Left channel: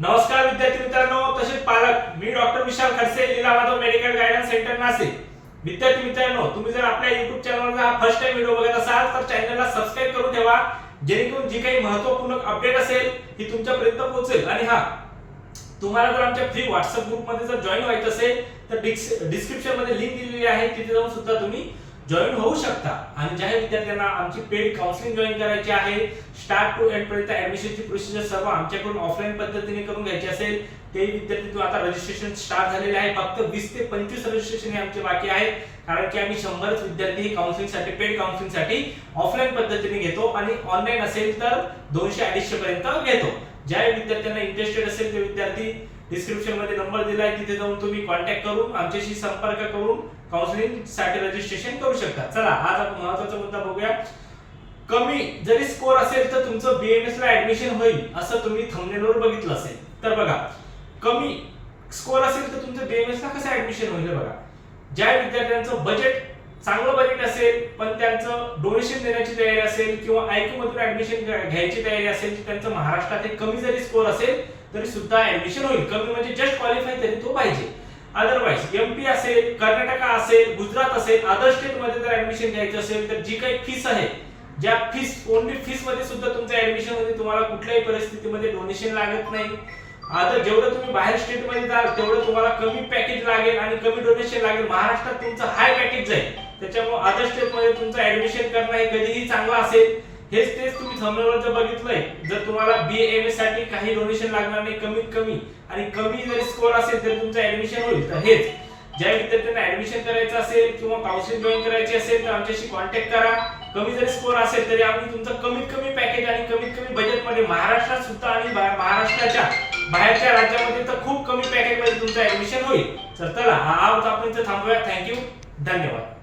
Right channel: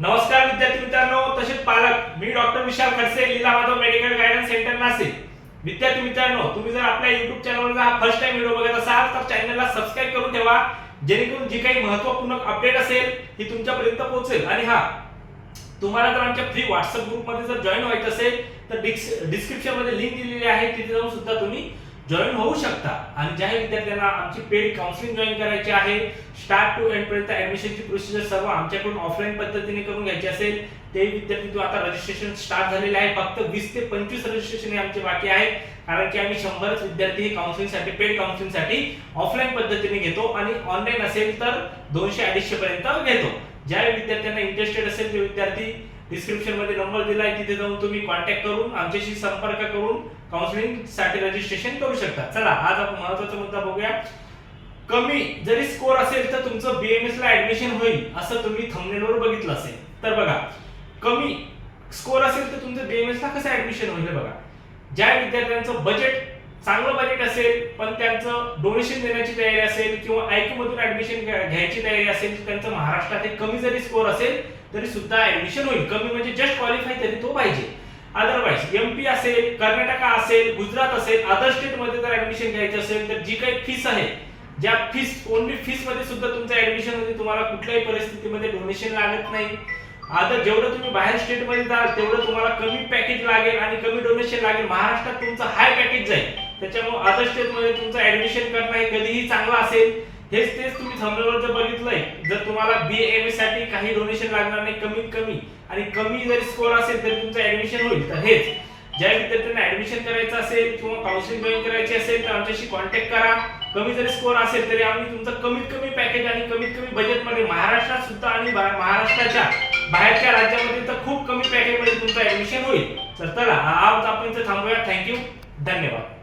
नमस्कार विद्यार्थी मित्रांनो तसेच पालक मी doctor Vishal Khadse Leela Madhav medical guidance centre Nashik. विद्यार्थी मित्रांनो तुम्ही जर आपल्या युट्यूब चॅनलवर हा फर्स्ट टाइम व्हिडिओ बघत असाल तर चॅनलला सबस्क्राईब करून ठेवा. जेणेकरून जी काही महत्त्वपूर्ण अपडेट असेल ती तुमच्यापर्यंत पोहोचेल. आणि हा तुम्हाला जर आमच्या फ्री व्हॉट्सअप ग्रुपमध्ये जर जॉईन व्हायचं असेल तर डिस्क्रिप्शनमध्ये लिंक दिलेली आहे. तिथे जाऊन सुद्धा तुम्ही जॉईन होऊ शकता. आणि ज्या विद्यार्थ्यांना आमची पेड काउन्सिलिंग जॉईन करायची आहे स्टार्ट टू एंड पर्यंत ऍडमिशनची प्रोसिजर सर्व आमच्याकडून ऑफलाईन पद्धतीने करून घ्यायची असेल ते विद्यार्थी तो आता रजिस्ट्रेशन स्टार्ट झालेले आहे. फक्त वीस ते पंचवीस रजिस्ट्रेशन हे आमचे बाकी आहे. कारण की आम्ही शंभरच विद्यार्थी हे काउन्सिलिंगसाठी पेड काउन्सिलिंगसाठी ऑफलाईन पद्धतीने घेतो आणि ऑनलाईन असेल तर दोनशे अडीचशे पर्यंत घेतो. ज्या विद्यार्थ्यांना इंटरेस्टेड असेल ते विद्यार्थी डिस्क्रिप्शनमध्ये नंबर दिलाय तिथे जाऊन तुम्ही कॉन्टॅक्ट करून आमच्याशी संपर्क करून काउन्सिलिंगसाठी रजिस्ट्रेशन करू शकता. चला आज आपण महत्त्वाचा मुद्दा बघूया. कमी जरी स्कोर असेल तर तुमचं बीएमएस ला ऍडमिशन होईल असं तुम्ही थंबनेलवर बघितलं असेल. तर बघा कमी स्कोर असेल तर तुमचं बीएमएस ला कसं ऍडमिशन होईल बघा. ज्या विद्यार्थ्यांचं बजेट चांगलं बजेट असेल पण त्यांचं डोनेशन देण्याची तयारी असेल किंवा आयक्यू मधून ऍडमिशन घ्यायची तयारी असेल त्यांचं महाराष्ट्रात एक कमी जरी स्कोर असेल तरी सुद्धा ऍडमिशन होईल. कमी म्हणजे जस्ट क्वालिफाय तरी तो पाहिजे. अदरवाईज एमपी असेल कर्नाटका असेल गुजरात असेल अदर स्टेटमध्ये जर ऍडमिशन घ्यायची असेल तर जी काही फीस आहे ज्या फीस ओनली फीसमध्ये सुद्धा तुमचं ऍडमिशनमध्ये तुम्हाला कुठल्याही परिस्थितीमध्ये डोनेशन लागत नाही. आता जेवढं तुम्ही बाहेर स्टेटमध्ये जाल तेवढं तुम्हाला कमी पॅकेज लागेल आणि कमी डोनेशन लागेल. महाराष्ट्रात तुमचं हाय पॅकेज जाईल त्याच्यामुळे अदर स्टेटमध्ये तुमचं ऍडमिशन करणं हे कधीही चांगलं असेल. हेच तेच तुम्ही थंबनेलवर जर बघितलंय जर तुम्हाला बी एम एससाठी काही डोनेशन लागणार नाही कमीत कमी आणि कमी जरी स्कोर असेल तरी तुमचं ऍडमिशन होईल. तर हेच. ज्या विद्यार्थ्यांना ऍडमिशन करायचं असेल किंवा काउन्सिलिंग जॉईन करायची असेल तर आमच्याशी कॉन्टॅक्ट करा. कमी जरी स्कोर असेल तरी आम्ही तुमचं कमीत कमी पॅकेज आणि कमीत कमी बजेटमध्ये महाराष्ट्रात सुद्धा आणि महाराष्ट्राच्या बाहेरच्या राज्यामध्ये तर खूप कमी पॅकेजमध्ये तुमचा तुमचं ऍडमिशन होईल. तर चला हा आज आपण इथं थांबूया थँक्यू धन्यवाद.